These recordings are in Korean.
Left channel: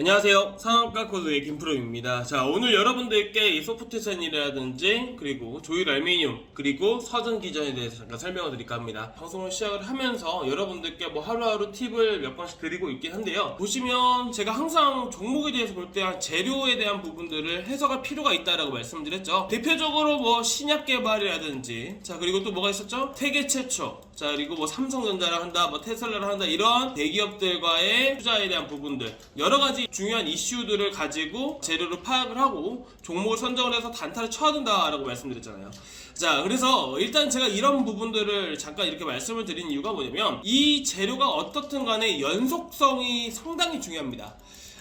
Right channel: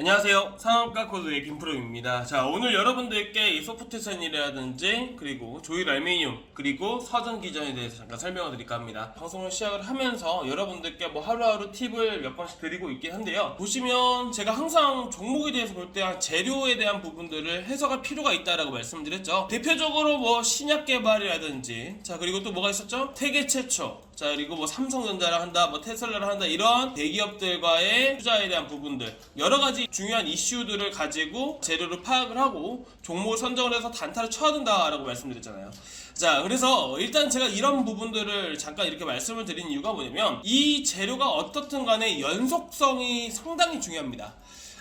안녕하세요. 상한가 코드의 김프로입니다. 자, 오늘 여러분들께 이 소프트젠이라든지 그리고 조일 알미늄 그리고 서전 기전에 대해서 잠깐 설명을 드릴까 합니다. 방송을 시작을 하면서 여러분들께 뭐 하루하루 팁을 몇 번씩 드리고 있긴 한데요. 보시면 제가 항상 종목에 대해서 볼 때 재료에 대한 부분들을 해석할 필요가 있다라고 말씀드렸죠. 대표적으로 뭐 신약 개발이라든지, 자, 그리고 또 뭐가 있었죠? 세계 최초, 자, 그리고 뭐 삼성전자를 한다, 뭐 테슬라를 한다, 이런 대기업들과의 투자에 대한 부분들, 여러 가지 중요한 이슈들을 가지고 재료를 파악을 하고 종목을 선정을 해서 단타를 쳐야 된다라고 말씀드렸잖아요. 자, 그래서 일단 제가 이런 부분들을 잠깐 이렇게 말씀을 드린 이유가 뭐냐면, 이 재료가 어떻든 간에 연속성이 상당히 중요합니다.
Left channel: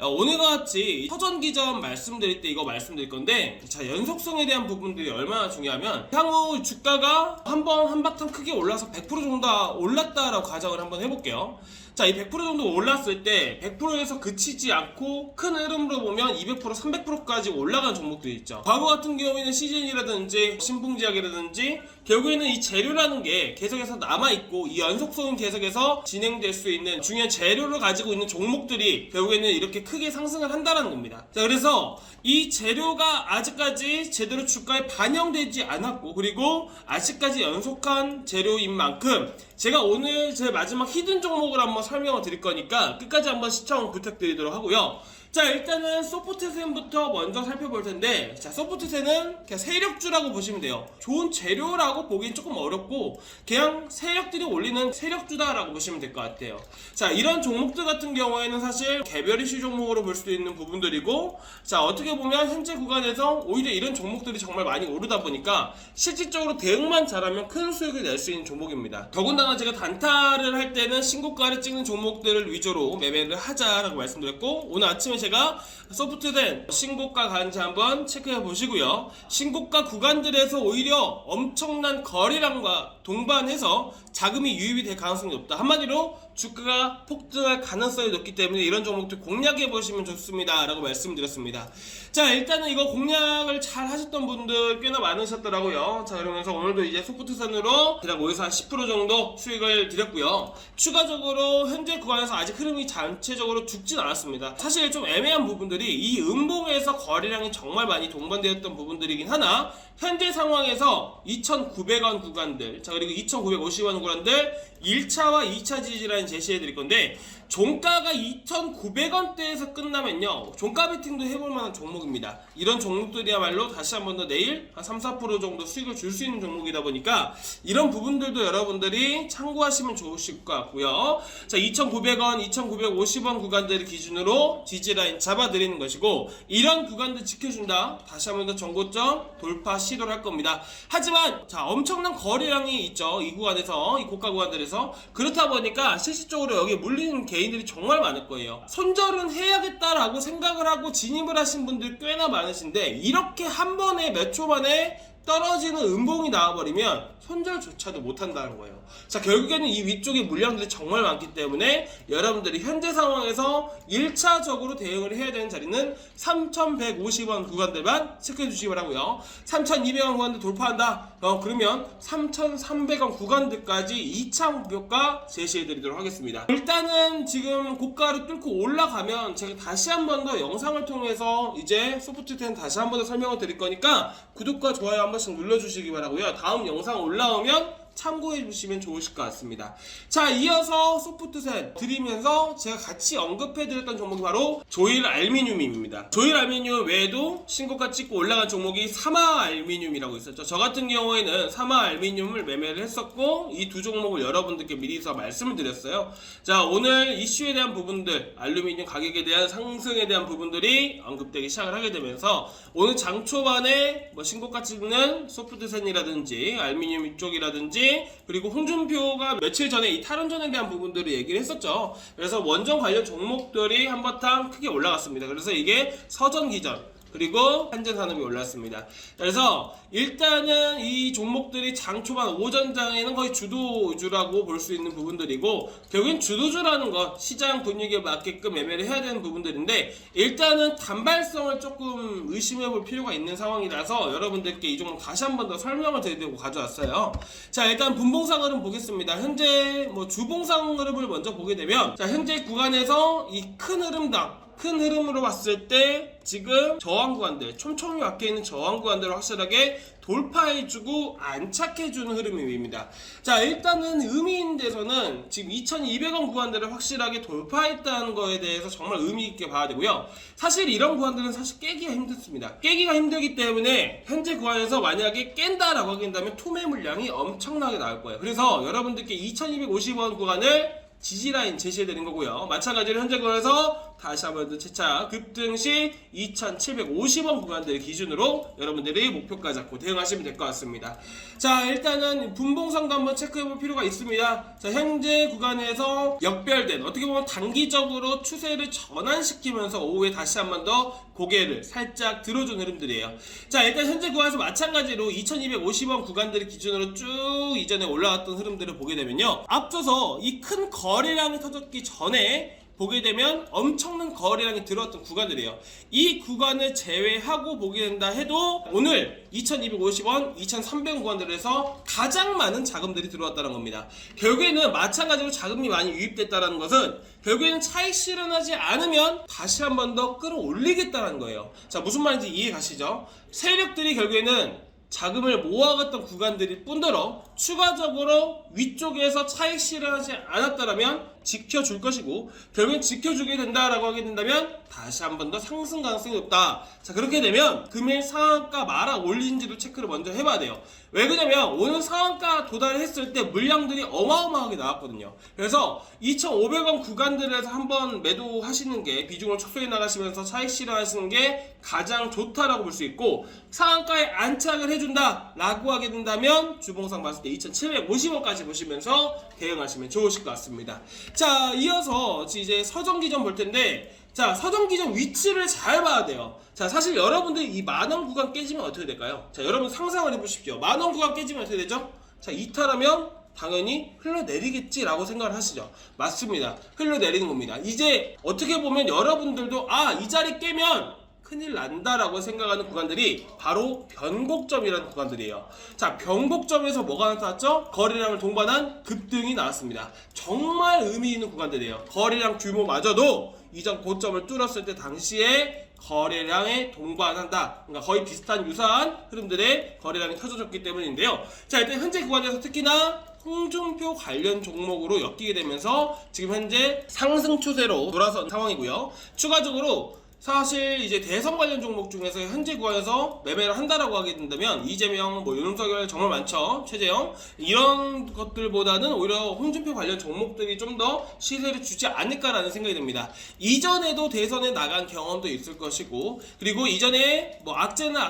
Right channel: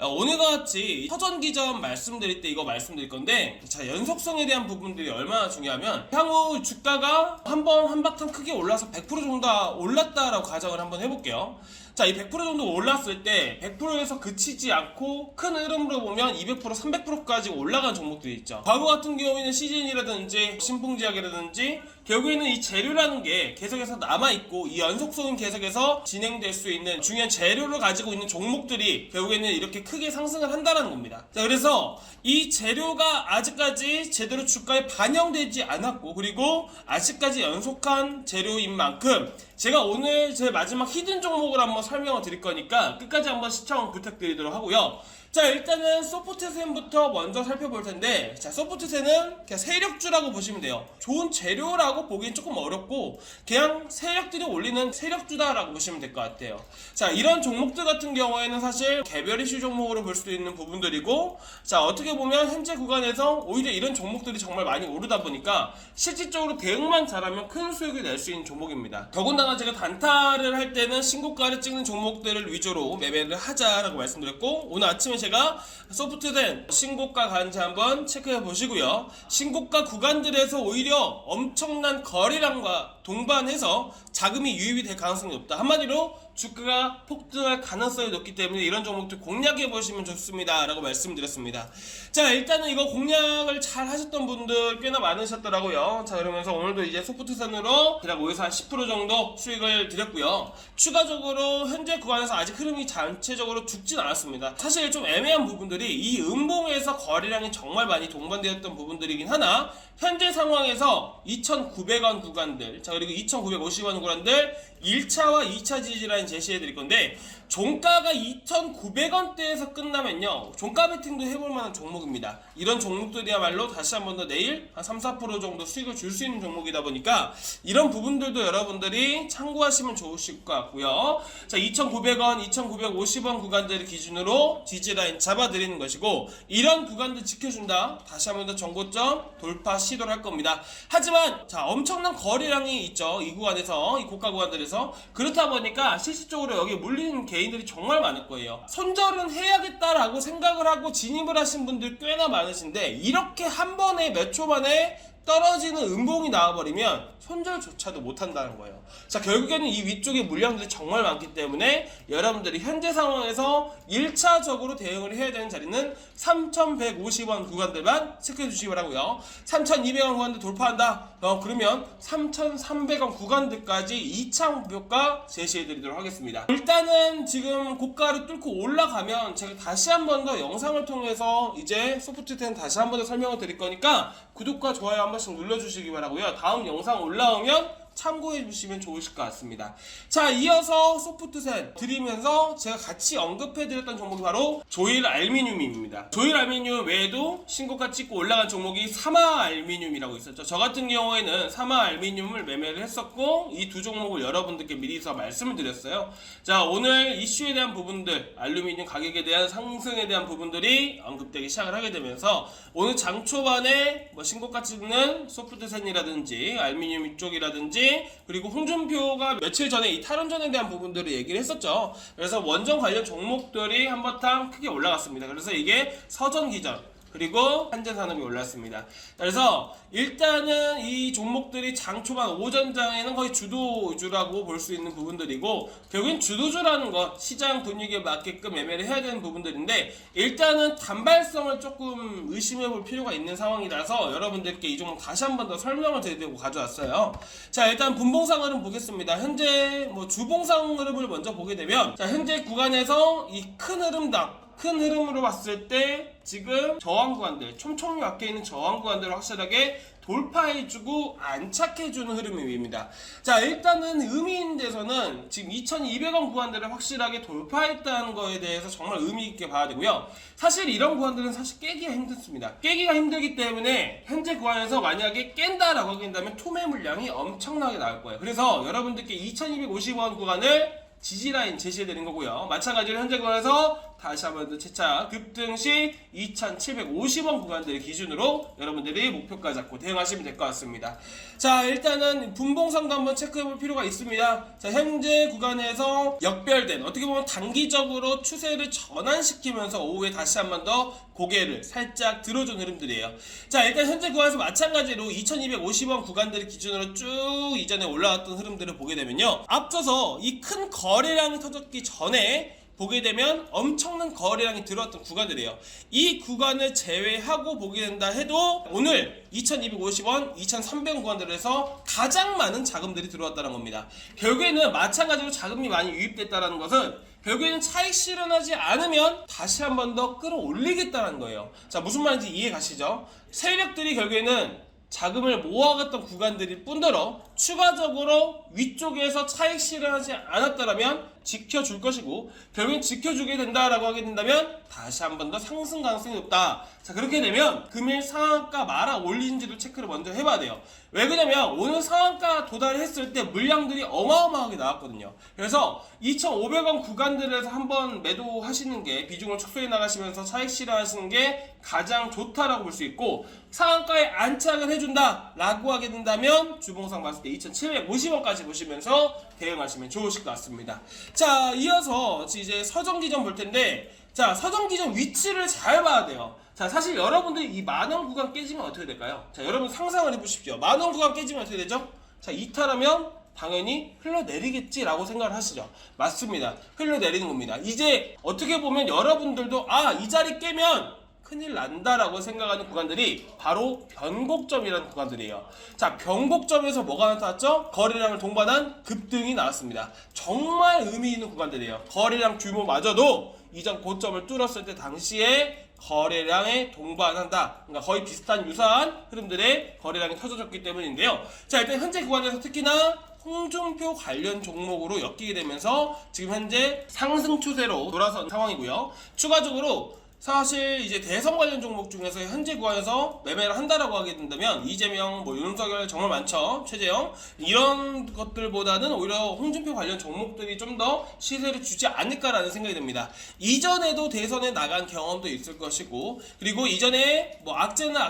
오늘과 같이 서전기전 말씀드릴 때 이거 말씀드릴 건데, 자, 연속성에 대한 부분들이 얼마나 중요하면, 향후 주가가 한바탕 크게 올라서 100% 정도 올랐다라고 가정을 한번 해볼게요. 자, 이 100% 정도 올랐을 때 100%에서 그치지 않고 큰 흐름으로 보면 200%, 300%까지 올라간 종목들이 있죠. 과거 같은 경우에는 CGN이라든지 신풍지약이라든지 결국에는 이 재료라는 게 계속해서 남아있고, 이 연속성은 계속해서 진행될 수 있는 중요한 재료를 가지고 있는 종목들이 결국에는 이렇게 크게 상승을 한다는 겁니다. 자, 그래서 이 재료가 아직까지 제대로 주가에 반영되지 않았고, 그리고 아직까지 연속한 재료인 만큼 제가 오늘 제 마지막 히든 종목을 한번 설명을 드릴 거니까 끝까지 한번 시청 부탁드리도록 하고요. 자, 일단은 소프트젠부터 먼저 살펴볼 텐데, 자, 소프트젠은 그냥 세력주라고 보시면 돼요. 좋은 재료라고 보기엔 조금 어렵고 그냥 세력들이 올리는 세력주다라고 보시면 될 것 같아요. 자, 이런 종목들 같은 경우에는 사실 개별 이슈 종목으로 볼 수도 있는 부분들이고, 자, 어떻게 보면 현재 구간에서 오히려 이런 종목들이 정말 많이 오르다 보니까 실질적으로 대응만 잘하면 큰 수익을 낼 수 있는 종목입니다. 더군다나 제가 단타를 할 때는 신고가를 찍는 종목들을 위주로 매매를 하자라고 말씀드렸고, 오늘 아침에 제가 소프트젠 신고가 가는지 한번 체크해 보시고요. 신고가 구간들에서 오히려 엄청난 거래량과 동반해서 자금이 유입이 될 가능성이 높다. 한마디로 주가가 폭등할 가능성이 높기 때문에 이런 종목들 공략해 보시면 좋습니다 라고 말씀드렸습니다. 자, 일단은 이거 공략을 잘 하셨던 분들 꽤나 많으셨더라고요. 자, 그러면서 오늘도 이제 소프트젠으로 그냥 5에서 한 10% 정도 수익을 드렸고요. 추가적으로 현재 구간에서 아직 흐름이 전체적으로 죽진 않았습니다. 사실 좀 애매한 부분들이 이 음봉에서 거래량이 정말 많이 동반되었던 부분들이긴 하나, 현재 상황에서 2,900원 구간들, 자, 그리고 2,950원 구간들 1차와 2차 지지라인 제시해 드릴 건데, 종가가 2,900원대에서 끝나면요, 종가 베팅도 해볼 만한 종목입니다. 이런 종목들이야말로 다시 한 번 더 내일 한 3, 4% 정도 수익을 줄 수 있는 종목이다 보니까 이런 부분들도 여러분들이 참고하시면 좋으실 것 같고요. 자, 2,900원, 2,950원 구간들을 기준으로 지지라인 잡아드리는 것이고, 이런 구간들 지켜준다, 다시 한 번 더 정고점 돌파 시도를 할 겁니다. 하지만 자, 엄청난 거래량이 있죠, 이 구간에서, 이 고가 구간들에서. 그렇다 보니까 실질적으로 여기 물리는 개인들이 정말 많을 거예요. 손절은 해야겠다라고 생각을 하고 진입을 하신 분들 꽤나 많으신데, 이렇게 한 번에 몇 초 만에 떨어지는 음봉이 나와버리면 손절조차도 못한다는 거예요. 자, 결국에는 이 위쪽에 물량들이 정말 많기 때문에 여러분들이 현재 상황에서 1차적으로 대응을 해야 되는 자리는 3,150원 구간들만 체크해 주시기 바라고요. 3,200원 구간들 돌파한다, 그러면 3,300원 구간들까지 2차 목표가 제시해 드리도록 하겠습니다. 일단은 지금 고가를 뚫고 올라가면 제가 다시 한 번 더 영상을 통해서 이제 소프트젠 다시 한 번 더 설명을 드릴 거니까 구독과 좋아요 한 번씩 눌러주시기 바라고요. 다음 영상 올라오면 참고해 주시면 좋으실 것 같습니다. 자, 이어서 소프트젠 드리면서 제가 같이 언급해 드렸던 종목이 바로 조일 알미늄입니다. 조일 알미늄 외에도 신고가 찍고 올라간 종목이 사마 알미늄이라고 있었죠. 저 같은 경우에는 사마 알미늄을 매매를 했었고, 이 두 종목을 여러분들께 미리서 말씀을 드렸어요. 자, 오늘 이슈에 대한 부분들, 알루미늄 가격에 대한 상승에 대한 부분들이 언급되기 시작을 하게 되면서 오늘 장 초반에 뭐 신고가 찍는 소프트젠이라든지 알루미늄 이쪽이라든지, 그리고 홍준표가 며칠 전에 이 탈원전에 대한 부분들을 얘기를 했었죠. 그래서 원전 관련 종목들이 한바탕 크게 올라갔습니다. 그래서 이게 서전기전 그리고 한전산업이 올랐습니다. 그래서 일단은 이 종목들이 장 초반 오전장에는 거의 주도주라고 볼 수 있는 부분들이고, 결국엔 주도주라는 건 시장 분위기에 맞게끔 매매를 해야 되는 부분들인데, 일단은 단발성을 조금 의심해 볼 필요가 있는 상황이라서 여러분들께 이 종목 다시 한 번 더 설명을 드리려고 가져왔어요. 자, 일단 분봉상 흐름 보겠습니다. 현재 뭐 주봉상 흐름을 먼저 보게 되면, 자, 현재 구간에서 이 큰 흐름당 큰 흐름으로 봤을 때 지금 저항 구간들, 촘촘히 박혀있는 저항 구간들을 확실하게 돌파해주고 안착해주는 흐름입니다. 자, 일단은 의미 있는 데서는 지금 2200원 구간들을 확실하게 돌파했다는 거에 대해서 정말 의미 있게 봐야 되고요. 사실 이런 구간들은 사실 깨기가 힘들습니다. 깨기가 힘들기 때문에 현재 구간에서 만약에 깬다라고 하긴다면 투매 물량이 엄청나게 나올 거예요. 그래서 여러분들께 2250원 구간을 지지라인 제시해드린 거고요. 마찬가지로 현재 구간에서 다시 한번 더 재차 급등 시 2750원 구간들 기준으로 여러분들이 목표가 잡고 대응하시면 될 것 같습니다. 자, 일단은 분봉상도 한번 체크해볼 필요가 있습니다. 자, 현재 구간에서 역별된, 어떻게 보면 단기적으로 추세를 전환시키면서 오후에 다시 한번 더 고개를 살짝 들어준 흐름들이에요. 자, 일단 현재 구간에서 마찬가지로 2250원 구간들 기준으로 쭉 이전에 올라왔던 흐름들을 보게 되면요, 앞서서 이 큰 거래량이 터졌기 전에 보게 되면 엄청난 거래량이 들어왔던 구간들이에요. 이 구간을 제외하고 보게 된다 해도 오늘 2250원, 2300원 구간들에서 가장 많은 자금들이 들어왔다는 겁니다. 결국에는 마찬가지로 자금이 많이 유입됐다는 것은 결국에는 차익 실현하지 않으면 다시 한 번 더 끌어올리겠다는 거예요. 자, 무슨 말인지 이해 가시죠? 세력들이 결국에는 자금을 모아갔던 구간들일 뿐더러 추가적으로 위쪽에서 차익 실현하지 않았다면 지켜줄 것이고, 결국엔 지켜주게 된다라고 하게 된다면 다시 한 번 더 상승 가능성이 높다. 자, 그렇게 되면 금일 상한가 말아 올린지도 체크를 먼저 해봐야 돼요. 왜 그러냐면 오늘 상한가 도달했을 때 물량들이 어마어마하게 나왔거든요. 그래서 2,500원 구간들에서 한번 매도하시는 게, 비중을 축소해 나가시면서 차익 실현하시는 게 가장 좋다라고 볼 수 있고, 상한가에 안착을 해준다 라고 하게 된다면 주봉상 봤을 때 2,750원까지 보시면서 대응하시면 좋으실 것 같습니다. 자, 이어서 이제 서정기전 볼 텐데, 자, 서정기전 위치를 잘 봐야 돼요. 자, 사실 여러분들이 이 만원 구간 깨지면 어떻게 될까요? 자, 여러분 상상을 해보십시오. 만원 구간 깨지면 어떻게 되죠? 자, 이탈하면 당연히 흘러내리겠지라고 생각을 하시죠. 맞습니다. 흘러내리는 겁니다. 이제 어떻게 보면 여러분들도 이 자리 깨면 큰일 난다라고 생각하는 구간들이 바로 변곡점이라는 구간들이에요. 자, 변곡점에서 뭐가 나타났죠? 거래량을 동반한 급등이 나왔습니다. 정말 의미 있는 구간들이에요. 거래량 규모마저도 이전 고점을 뚫었을 때 당시에 거래량에 동반한다. 그러니까 거의 비슷한 유사한 흐름들의 거래량이 터져졌기 때문인데요. 자, 일단 현재 구간에서 특히나 홍준표 관련 종목으로 엮이게 되면서 지금 현재 상승 추세로 돌아선 상황이고요. 추가적으로 사실 이제 대선 관련 종목 중에서 현재 구간에서 매매를 한다라고 하게 된다면 이재명, 윤석열 정말 많죠. 최재형, 이런 것들보다는 오히려 홍준표 관련 종목들이 좀 더 시세를 주지 않을까라는 생각이 듭니다. 이전에도 대선에 나간 경험도 있을 것이고, 그리고 이전에 악재는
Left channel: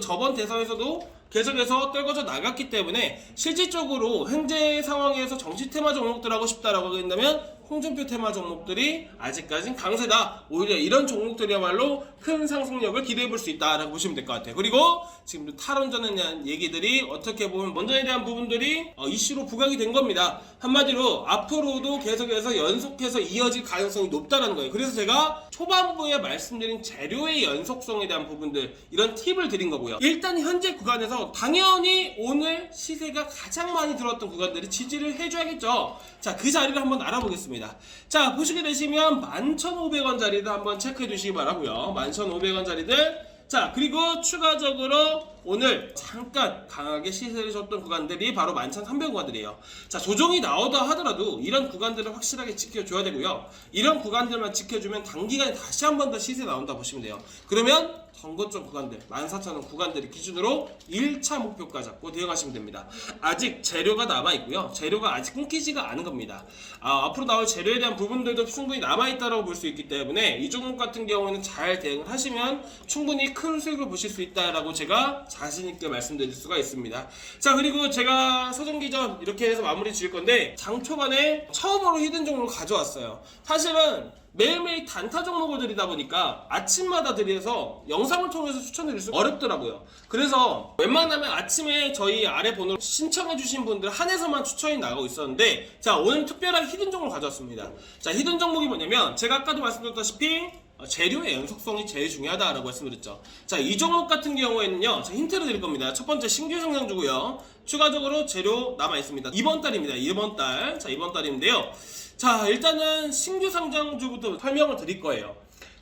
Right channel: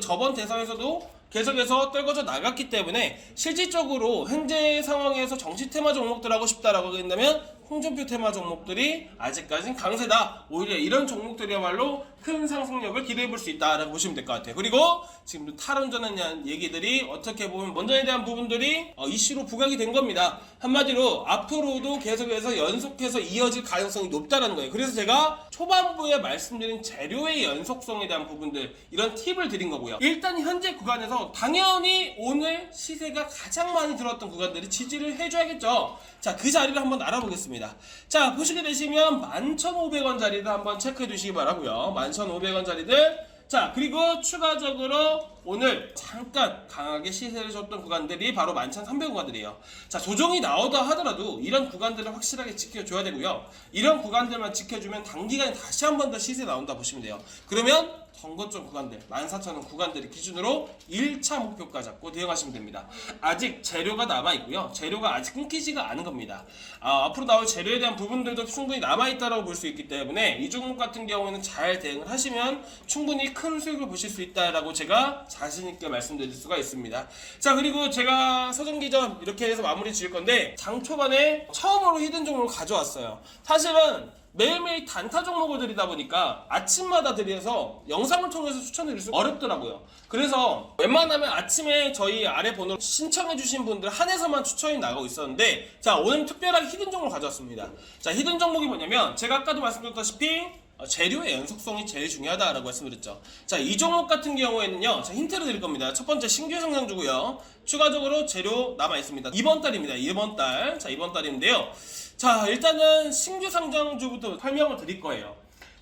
저번 대선에서도 계속해서 떨궈져 나갔기 때문에 실질적으로 현재 상황에서 정치 테마 종목들 하고 싶다라고 된다면 홍준표 테마 종목들이 아직까진 강세다. 오히려 이런 종목들이야말로 큰 상승력을 기대해 볼 수 있다라고 보시면 될 것 같아요. 그리고 지금 탈원전에 대한 얘기들이 어떻게 보면 원전에 대한 부분들이 이슈로 부각이 된 겁니다. 한마디로 앞으로도 계속해서 연속해서 이어질 가능성이 높다는 거예요. 그래서 제가 초반부에 말씀드린 재료의 연속성에 대한 부분들, 이런 팁을 드린 거고요. 일단 현재 구간에서 당연히 오늘 시세가 가장 많이 들어왔던 구간들이 지지를 해줘야겠죠. 자, 그 자리를 한번 알아보겠습니다. 자, 보시게 되시면 11,500원 자리를 한번 체크해 주시기 바라고요. 11,500원 자리들. 자, 그리고 추가적으로 오늘 잠깐 강하게 시세를 줬던 구간들이 바로 11,300원 구간들이에요. 자, 조정이 나오다 하더라도 이런 구간들을 확실하게 지켜줘야 되고요. 이런 구간들만 지켜주면 단기간에 다시 한 번 더 시세 나온다 보시면 돼요. 그러면 선거점 구간들, 14,000원 구간들을 기준으로 1차 목표가 잡고 대응하시면 됩니다. 아직 재료가 남아있고요. 재료가 아직 끊기지가 않은 겁니다. 앞으로 나올 재료에 대한 부분들도 충분히 남아있다고 볼 수 있기 때문에 이 종목 같은 경우에는 잘 대응을 하시면 충분히 큰 수익을 보실 수 있다라고 제가 자신있게 말씀드릴 수가 있습니다. 자, 그리고 제가 서정기전 이렇게 해서 마무리 지을 건데, 장 초반에 처음으로 히든 종목을 가져왔어요. 사실은 매일매일 단타 종목을 드리다 보니까 아침마다 드려서 영상을 통해서 추천드릴 수가 어렵더라고요. 그래서 웬만하면 아침에 저희 아래 번호로 신청해주신 분들 한해서만 추천이 나가고 있었는데, 자, 오늘 특별하게 히든 종목을 가져왔습니다. 자, 히든 종목이 뭐냐면 제가 아까도 말씀드렸다시피 재료의 연속성이 제일 중요하다라고 말씀드렸죠. 자, 이 종목 같은 경우에는요, 자, 힌트를 드릴 겁니다. 첫 번째 신규 상장주고요. 추가적으로 재료 남아있습니다. 이번 달입니다. 이번 달. 자, 이번 달인데요. 자, 일단은 신규 상장주부터 설명을 드릴 거예요.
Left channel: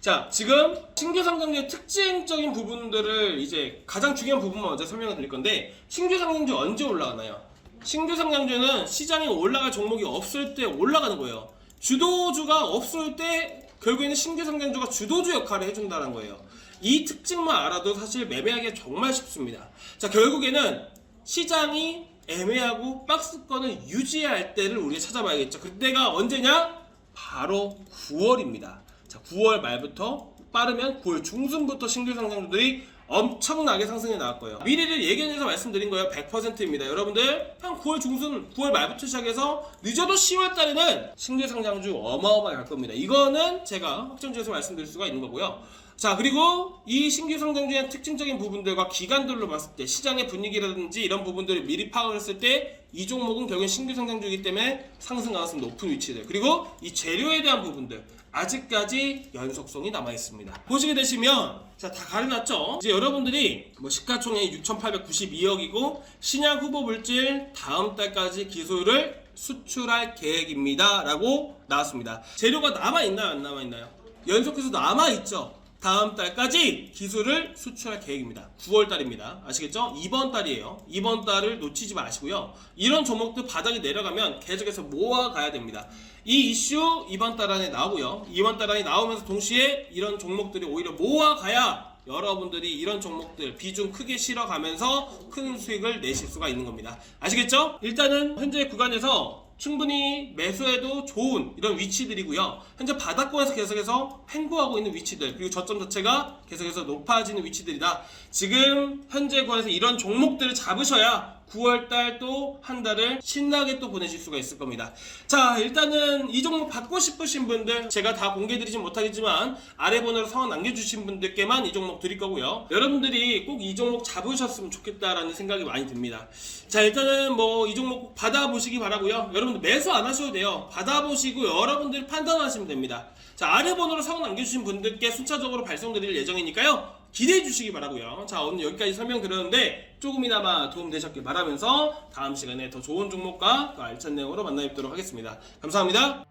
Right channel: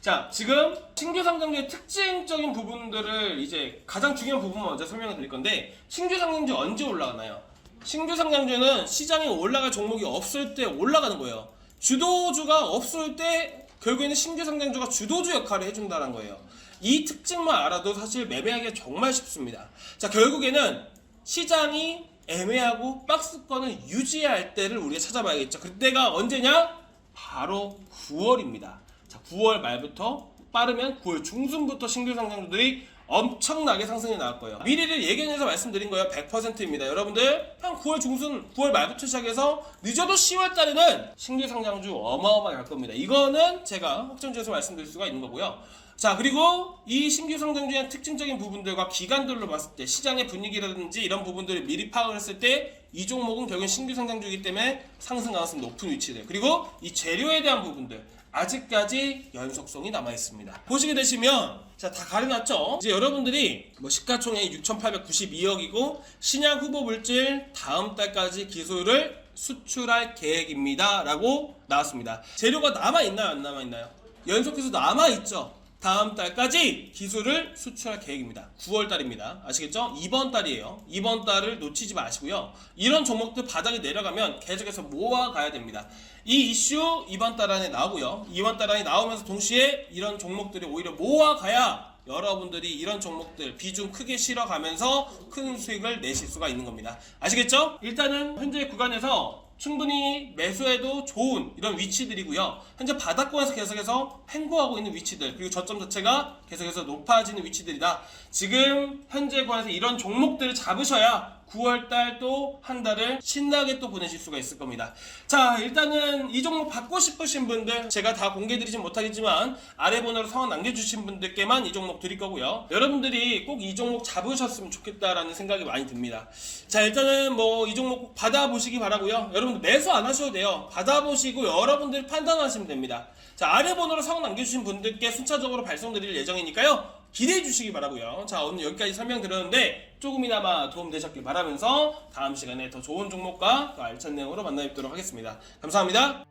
자, 지금 신규 상장주의 특징적인 부분들을 이제 가장 중요한 부분만 먼저 설명을 드릴 건데, 신규 상장주 언제 올라가나요? 신규 상장주는 시장에 올라갈 종목이 없을 때 올라가는 거예요. 주도주가 없을 때 결국에는 신규 상장주가 주도주 역할을 해준다는 거예요. 이 특징만 알아도 사실 매매하기 정말 쉽습니다. 자, 결국에는 시장이 애매하고 박스권을 유지할 때를 우리가 찾아봐야겠죠. 그때가 언제냐? 바로 9월입니다. 자, 9월 말부터 빠르면 9월 중순부터 신규 상장주들이 엄청나게 상승해 나갈 거예요. 미리를 예견해서 말씀드린 거예요. 100%입니다. 여러분들 한 9월 중순, 9월 말부터 시작해서 늦어도 10월 달에는 신규 상장주 어마어마할 겁니다. 이거는 제가 확정지어서 말씀드릴 수가 있는 거고요. 자, 그리고 이 신규 상장주의 특징적인 부분들과 기간들로 봤을 때 시장의 분위기라든지 이런 부분들을 미리 파악을 했을 때 이 종목은 결국 신규 상장주이기 때문에 상승 가능성이 높은 위치들, 그리고 이 재료에 대한 부분들 아직까지 연속성이 남아있습니다. 보시게 되시면 자, 다 가려놨죠? 이제 여러분들이 뭐 시가총액이 6,892억이고 신약 후보 물질 다음 달까지 기술을 수출할 계획입니다 라고 나왔습니다. 재료가 남아있나요? 안 남아있나요? 연속해서 남아있죠? 다음 달까지 기술을 수출할 계획입니다. 9월 달입니다. 아시겠죠? 이번 달이에요. 이번 달을 놓치지 마시고요. 이런 종목들 바닥이 내려가면 계속해서 모아가야 됩니다. 이 이슈 이번 달 안에 나오고요. 이번 달 안에 나오면서 동시에 이런 종목들이 오히려 모아가야 여러분들이 이런 종목들 비중 크게 실어가면서 큰 수익을 내실 수가 있는 겁니다. 아시겠죠? 일단은 현재 구간에서 충분히 매수해도 좋은 이런 위치들이고요. 현재 바닥권에서 계속해서 횡보하고 있는 위치들, 그리고 저점 자체가 계속해서 높아지는 위치들이다. 지금 현재 구간에서 이런 종목들을 잡으셔야 9월달 또 한 달을 신나게 또 보내실 수가 있을 겁니다. 자, 일단은 이 종목 받고 싶으신 분들 제가 다 공개드리진 못하겠지만 아래 번호로 성원 남겨주신 분들께만 이 종목 드릴 거고요. 여러분들이 꼭 이 종목 잡으셨으면 좋겠다라는 생각이 많이 듭니다. 자, 일단은 뭐 이 종목 꼭 받아보시기 바라고요. 여러분들 매수 안 하셔도 돼요. 받아보시고 여러분들이 판단하시면 됩니다. 자, 아래 번호로 성원 남겨주신 분들께 순차적으로 발송드릴 예정이니까요. 기대해 주시기 바라고요. 자, 오늘 여기까지 설명드렸는데 조금이나마 도움되셨길 바라면서 다음 시간에 더 좋은 종목과 더 알찬 내용으로 만나 뵙도록 하겠습니다. 감사합니다.